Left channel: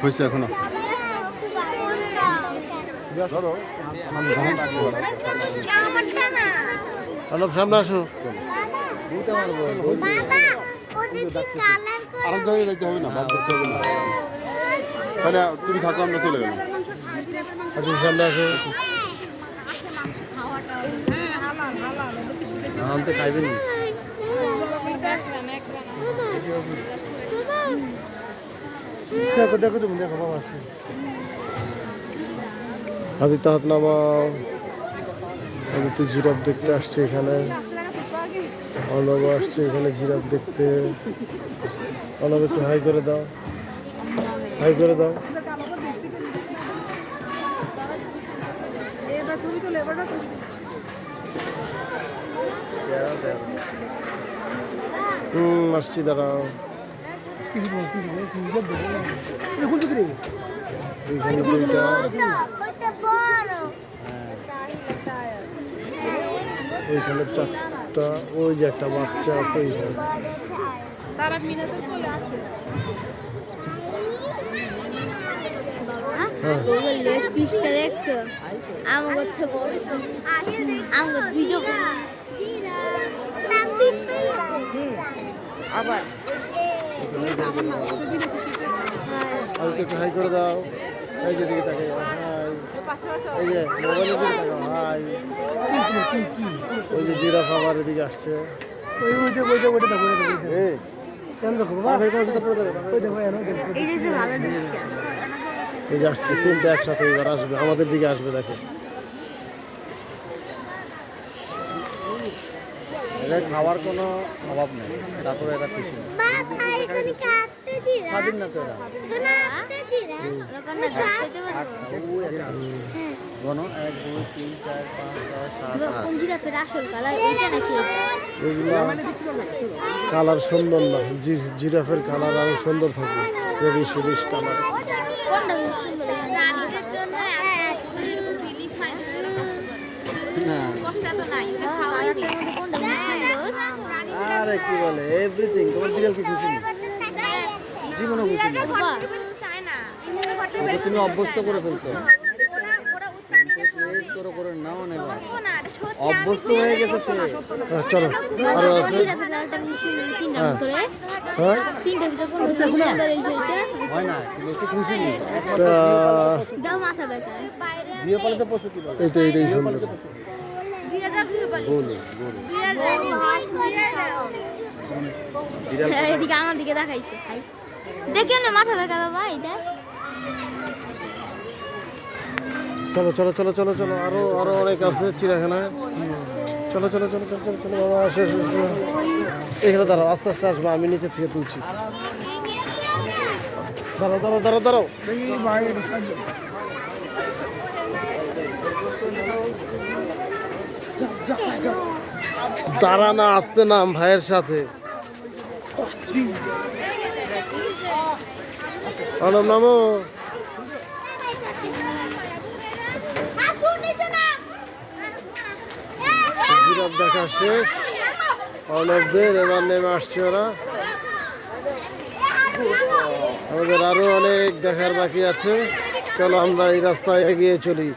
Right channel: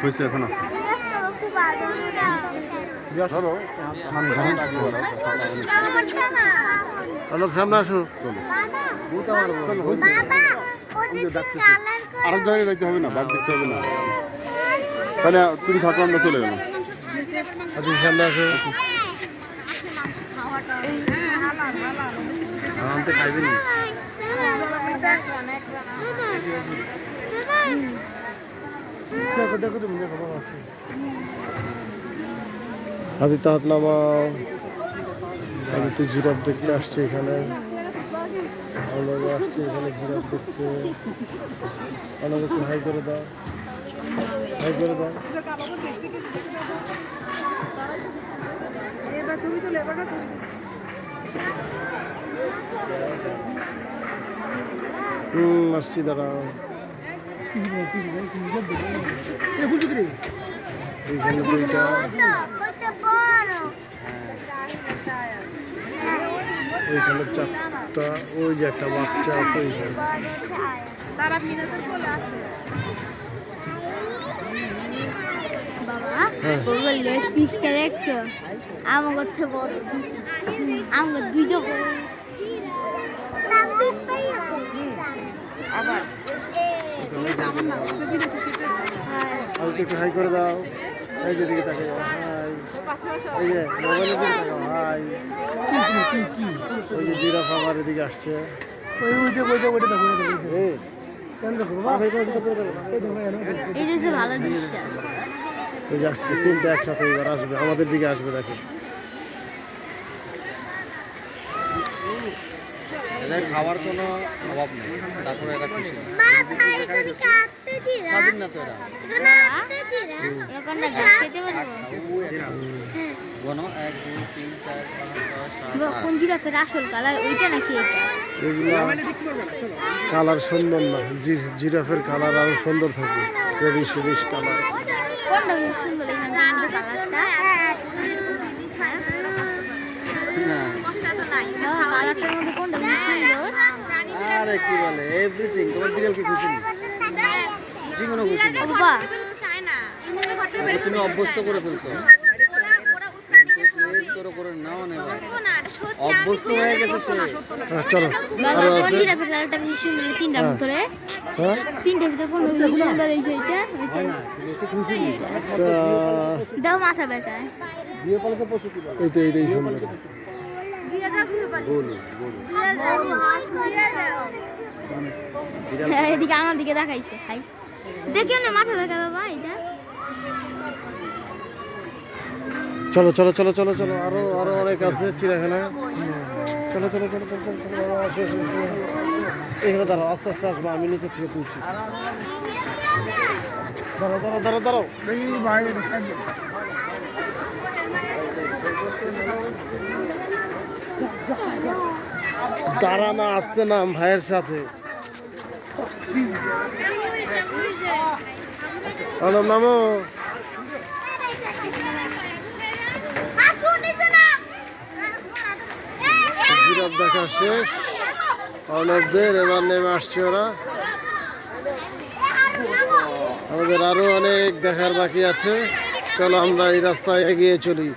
হয়েছে এখনও? অর্ণব সামনে আসো। আরেক জায়গায় যাইতে হবে না বাদ দেখতে হবে না। তাহলে তুমি থাকো আমরা চলে গেলাম আপনি সামনে আসো। আনতে খাইবেন দেখো দেখো তুমি দেখো বাবা আছে। আদিত্য হাত নামাও। আদিত্য জিরাফ দেখতে আসছে এখানে। অনব আসছে এখানে জিরাফ দেখতে। অনব একটু হাই করে দাও। হাই করে দাও। হুম আসছি দাঁড়াও। এইখানে দুইটা। ওইখানে চারটা ওই যে একটা বাচ্চা আছে ওইখানে হ্যাঁ লেগ পিসটা দেখছ? আমার কথা বড় আমার ভিডিও আবার আর একটু হাই করে দাও। এই যে দিকে তাকাই হাই। এই যে মোবাইলের দিকে তাকাও হাই। এই যে জিরাফ আবার এদিকে আসছে। এই, এটা যে ভালো দৃশ্য ওই যে আসছে তিনটে একসাথে এবার আসবে আমাদের দিকে আসবে দেখো। এদের কোনো অভাব নেই তারপরে এরা খুশি। না তো কালার সুন্দর না জিরাফের কালার আরও সুন্দর থাকে রেডিশ রেডিশ কালার। আরে কি বলে? এভরিথিং তোমার বিড়াল কি খুশি খুশি ওকে তুমি অভ্যস্ত করে ফেলছো। অভ্যস্ত হয়ে গেছে সে। হ্যাঁ, চলো। আরও আছে? সুন্দর তিনটার হ্যাঁ। ভিতরে। হ্যাঁ? হয় এইটাই সুন্দর। এদিকে আমার দিকে দেখাইছে ভাই। দেখে না মাথা বেকার বাবা এটা। চলো চলো চলো চলো চলো আরও আরও অনেক আছে চিড়িয়াখানা। চলো চলো চলো চলো চলো চলো বাবা, আসো আসো আসো। এখানে দাঁড়াও আস্তে আস্তে আসবে আমি নিচে থেকে তুলছি। দাঁড়াও দাঁড়াও দাঁড়াও দাঁড়াও। দাঁড়া না, আসতে নাম ভাইয়ের সাথে। অনম নামো জিরাফ দেখা শেষ। অর্ণবদের এবার নেমে আসছে ওরা। আমাদের আরও অনেক দেখার বাকি আছে। চলো আমরা এই রাস্তায় এগিয়ে চলি।